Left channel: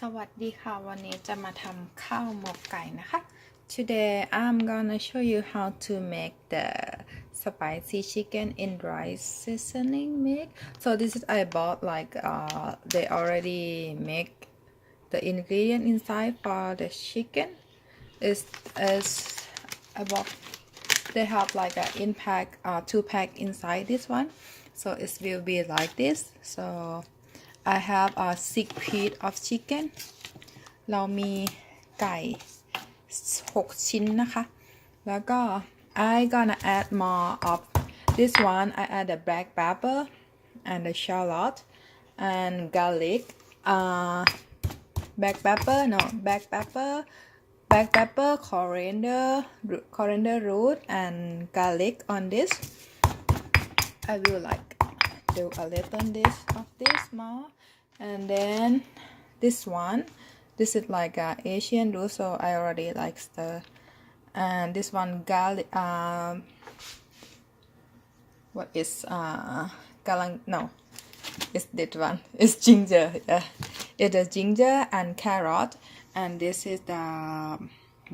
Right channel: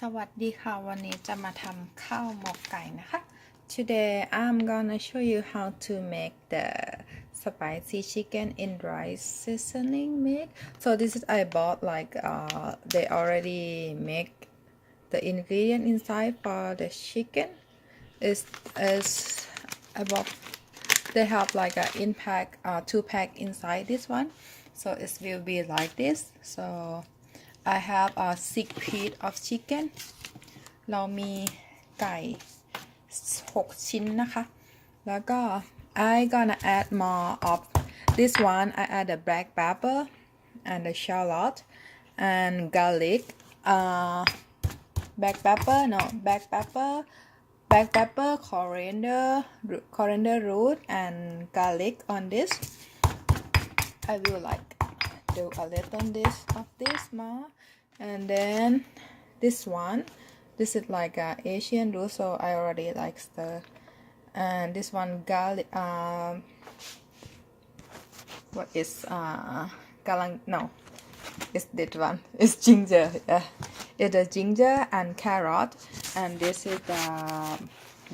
สวัสดีค่ะวันนี้จะมาทำข้าวหมกไก่นะคะ Today I'm gonna show you how to make the spicy chicken in rice seasoning mix. So this is I bought like they already make the ingredient inside for the chicken. Is about they have like a in pack 2 pack inside this one. So it will be like this. So I have a 6 piece of chicken เรามีไก่6 ชิ้นนะคะ แล้วก็ I gonna add more of this one. I add the black pepper and the shallot and garlic. Black pepper, coriander root and garlic on this. I will like do a little this of this more, and then this one, this is like a Asian root, so I already like stir. And this one garlic, what is galang? No, it's this one. It's ginger. Yeah, it's a ginger and carrot, and this is the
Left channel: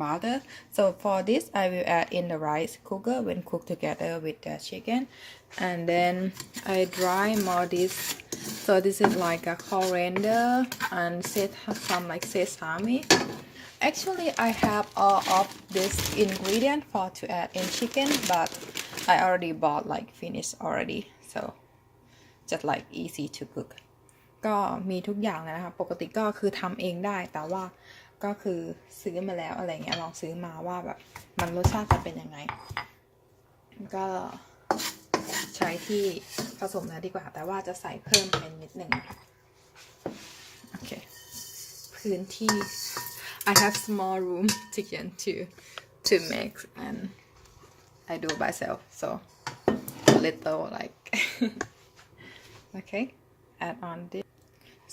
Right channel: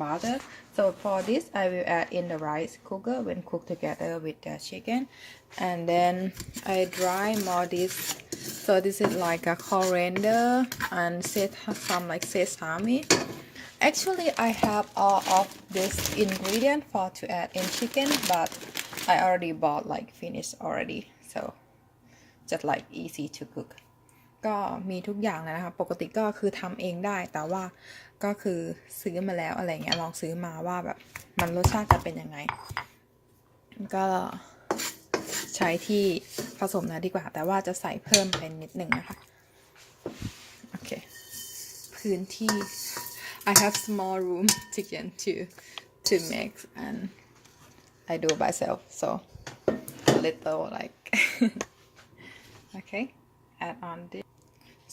butter. So for this I will add in the rice cooker when cooked together with the chicken, and then I dry more this. So this is like a coriander and some like sesame. Actually I have all of this ingredient for to add in chicken, but I already bought like finished already, so just like easy to cook. ก็มีทุกอย่างเลยนะคะปกติก็คือทำเองได้แต่ว่าก็คือซื้อมาแล้วอะไรเงี้ยลองซื้อมาว่าแบบมันรสชาติจะเป็นยังไงก็ใช้ที่ผสมนะดีกว่าแต่ว่าจะใส่เพิ่มเป็นนิดหนึ่งนะคะโอเคพื้นที่ I have small room chicken to mix and I do myself so a little like okay add on this.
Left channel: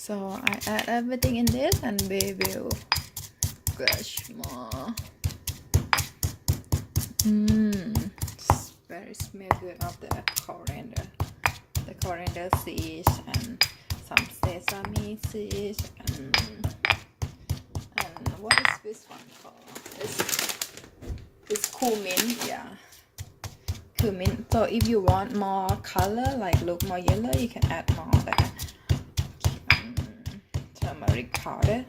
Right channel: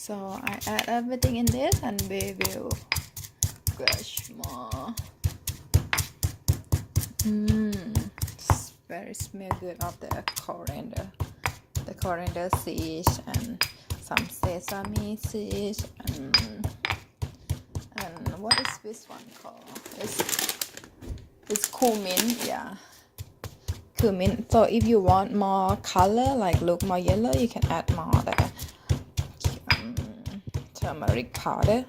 So I add everything in this and we will crush more. Very smell good of the coriander seeds and some sesame seeds and what is this one called? It's cumin, yeah. Cumin. So if you want more color, like look more yellow, you can add more that turmeric powder.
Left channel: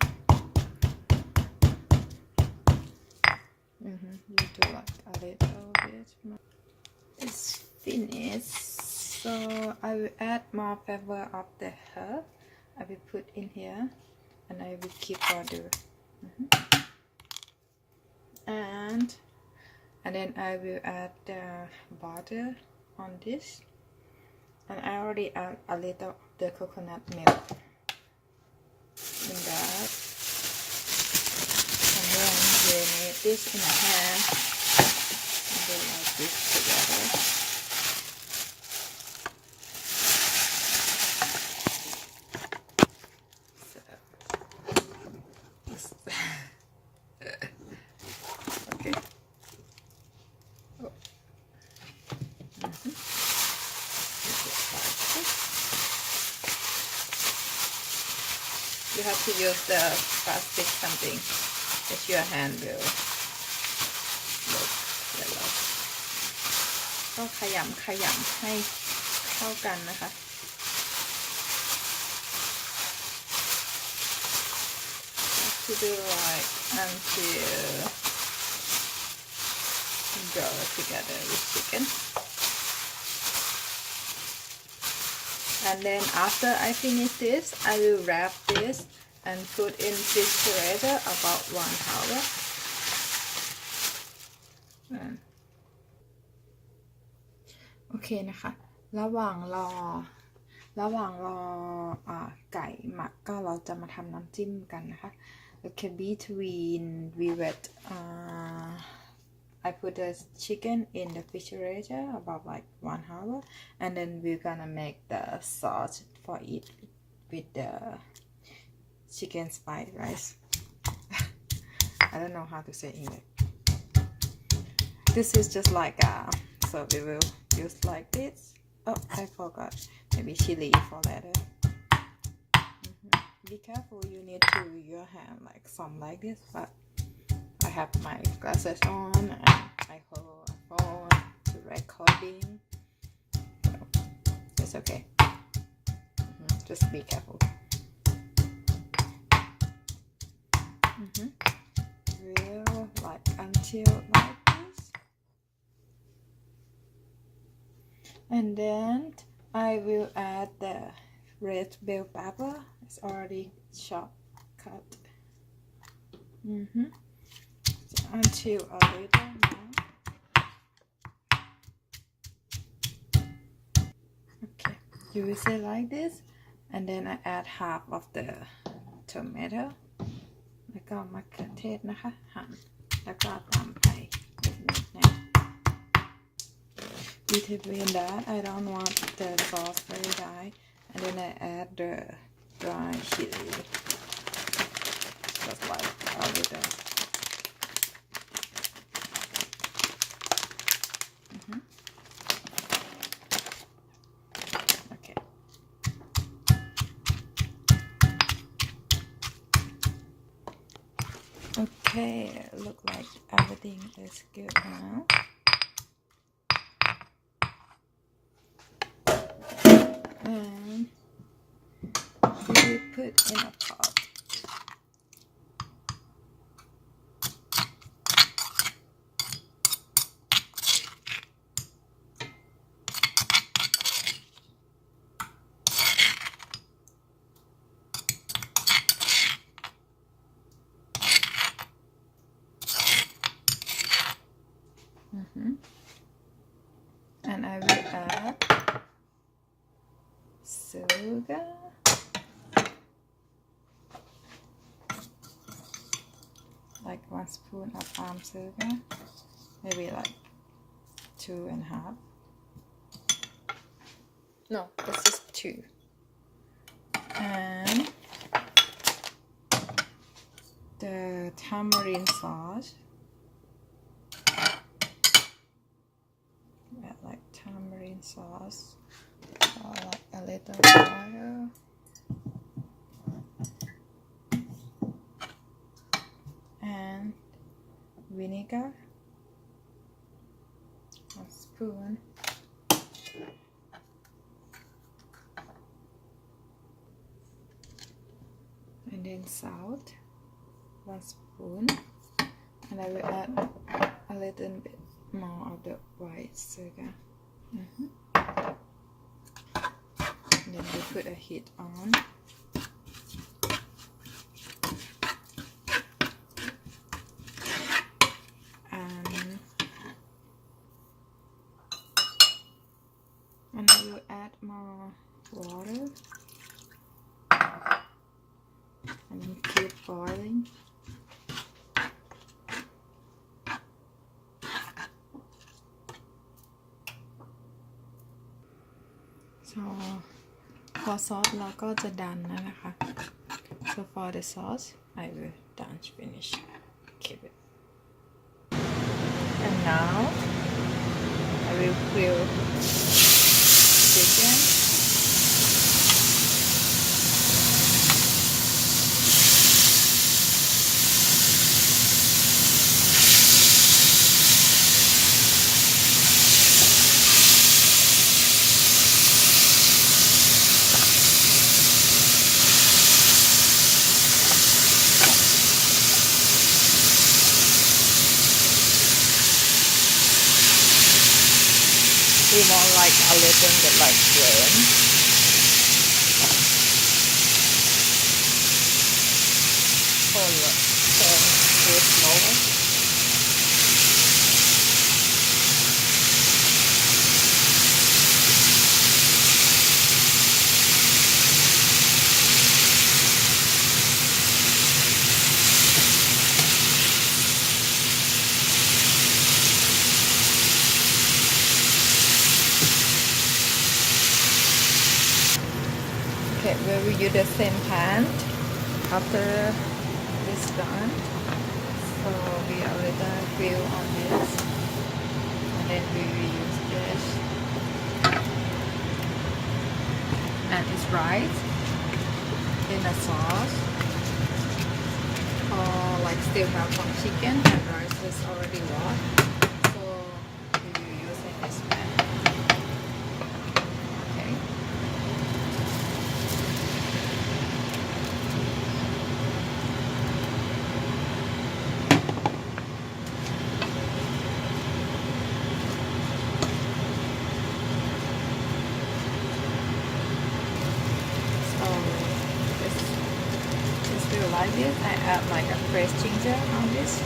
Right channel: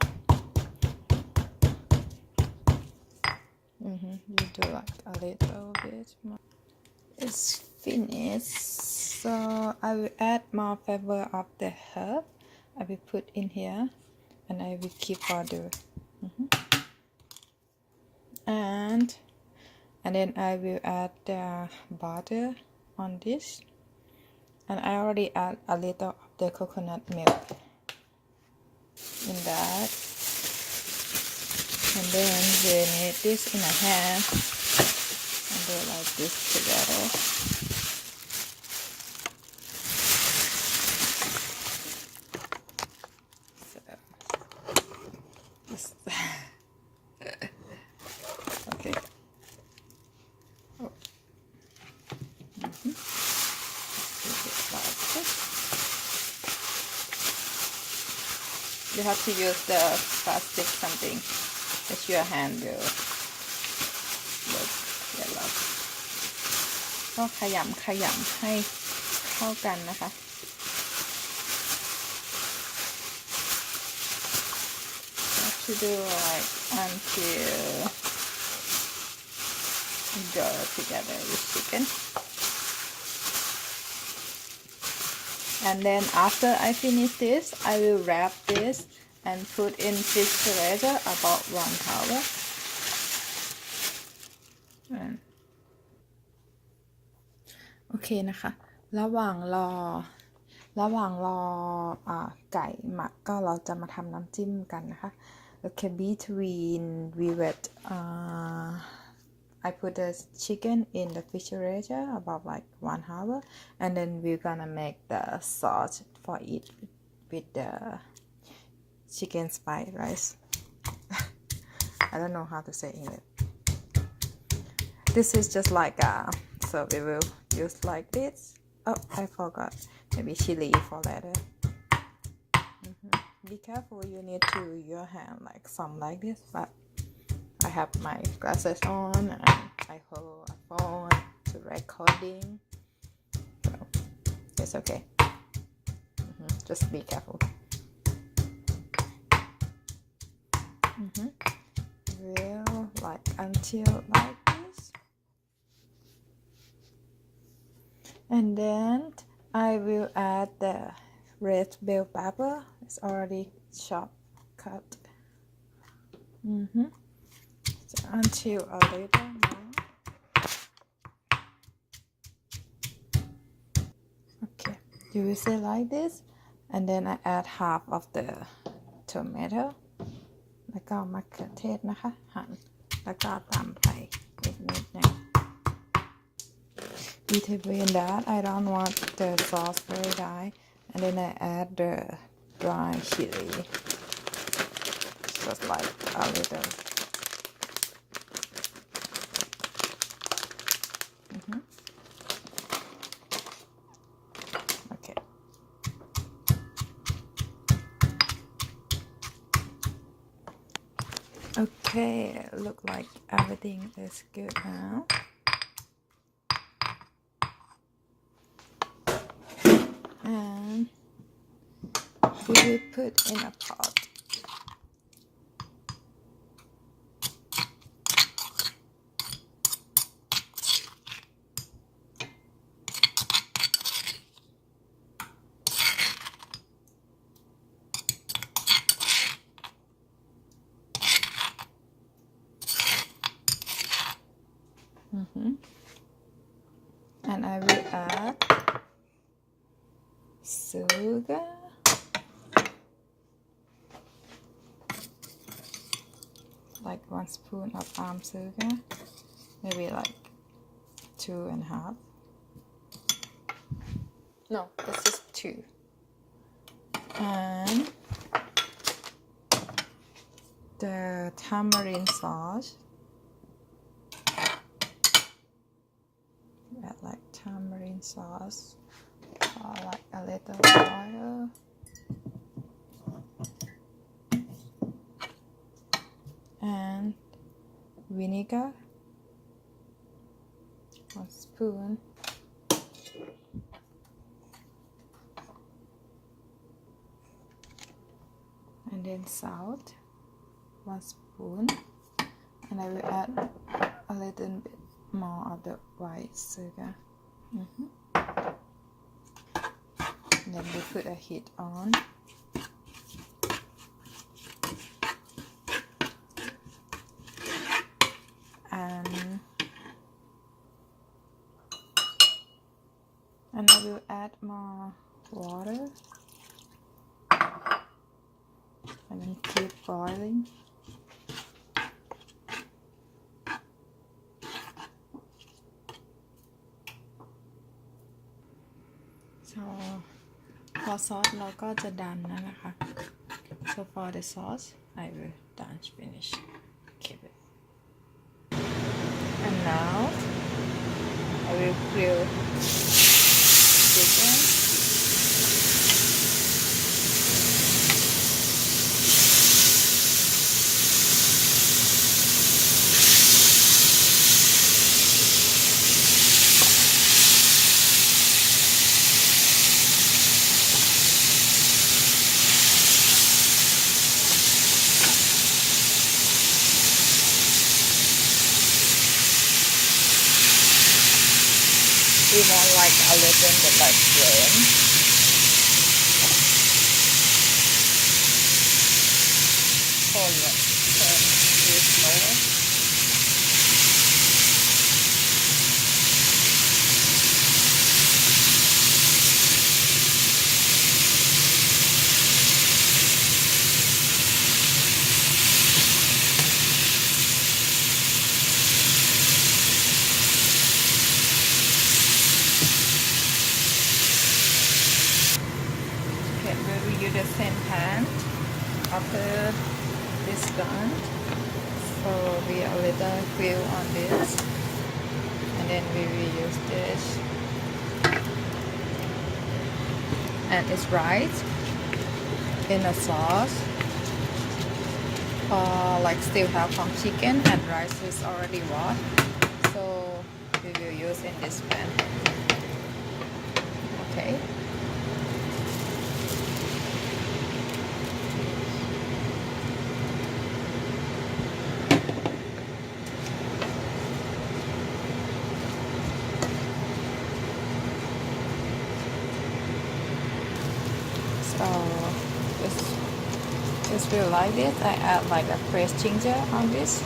You do like a little bit more. It's finished, so I will add more flavor of the herb. I will put in here, and I will keep order. And then I will add the butter on this, and I already add a little of the coconut milk in that, and then we need this in a hand and do like this together. Okay. You have to use the plastic something, because your hand will look yellow. ก็ขยำให้เข้ากันนะคะto do like until go together with chicken. And then after I finish this, I will wrap this and put in refrigerator about 1 hour. Okay นะคะระหว่างรอไก่หมักก็เราจะมาทำน้ำจิ้มกันนะคะ Okay, between we wet I put the chicken in the refrigerator about like 1 hour, and then we're gonna make the sauce for it with the chicken spice rice. I don't know how to say English. This is just like so we will use like this. Oh, I forgot. Maybe chili for later. be careful, you need to your hand like some like this, but I have my glasses on and I hold a phone to recording, so it's okay. Just be careful. Will like until like this, and then I will add the red bell pepper. It's already chopped, cut. So until a little more. Okay, you will say like this, and then I add half of the tomato. แล้วก็มะเขือเทศนะคะหั่นแล้วก็ตำไปนิดๆนะ Between that I don't want the sauce very dry, and then I add the dry chili, just like a little. Okay. Okay, look like everything is good now. And we will put in a pot. And I will add sugar, like 1 spoon of palm sugar, maybe like 2.5. No, it's just 2. And the tamarind sauce. Add like tamarind sauce, or like a little oil, and vinegar, 1 spoon, and then salt, 1 spoon, and I will add a little bit more of the white sugar. And then we put a heat on. And I will add more water. And then keep boiling. So พอซอสเราก็จะดันแล้วนะคะ So for the sauce I will done finish. Keep it. And now I will grill chicken. We want like a little bit like brown. Hold it, turn it slower. Okay, we will use the same pan after this done. So we already grill on this, and then we will use this. And it's right. in a sauce, or like still have some chicken and rice is already washed, so we will use in this pan. Okay. So this will like this. I add like a fresh ginger on this,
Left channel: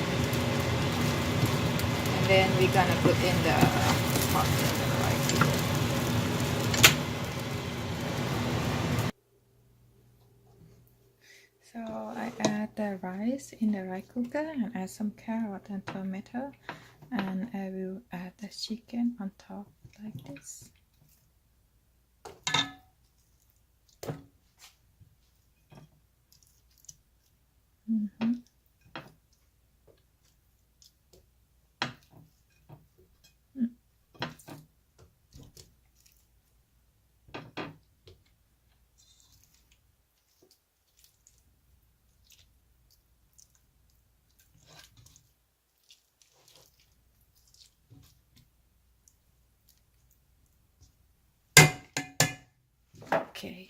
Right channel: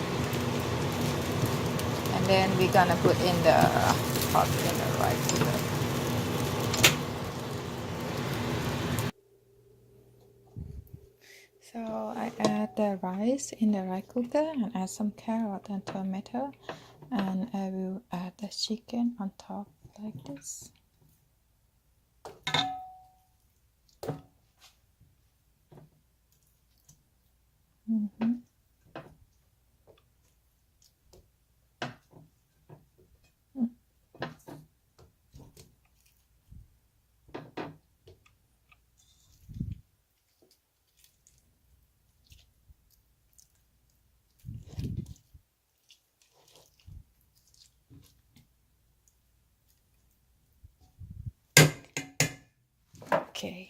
and then we're gonna put in the pot in the rice here. So I add the rice in the rice cooker and add some carrot and tomato, and I will add the chicken on top like this. Mm-hmm. Okay.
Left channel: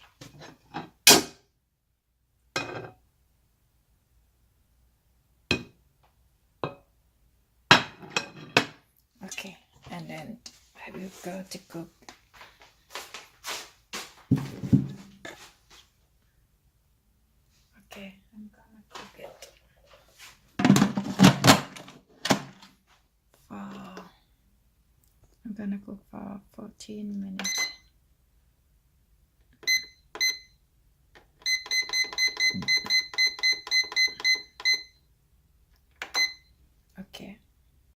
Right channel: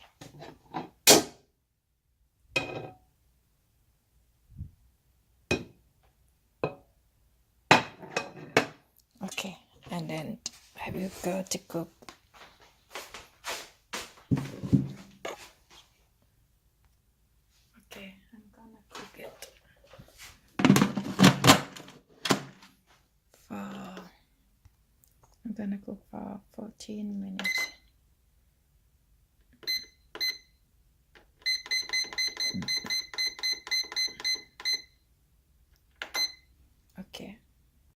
Okay, and then I will go to cook. Okay, I'm gonna cook it for, I'm gonna cook for 14 minutes. Okay,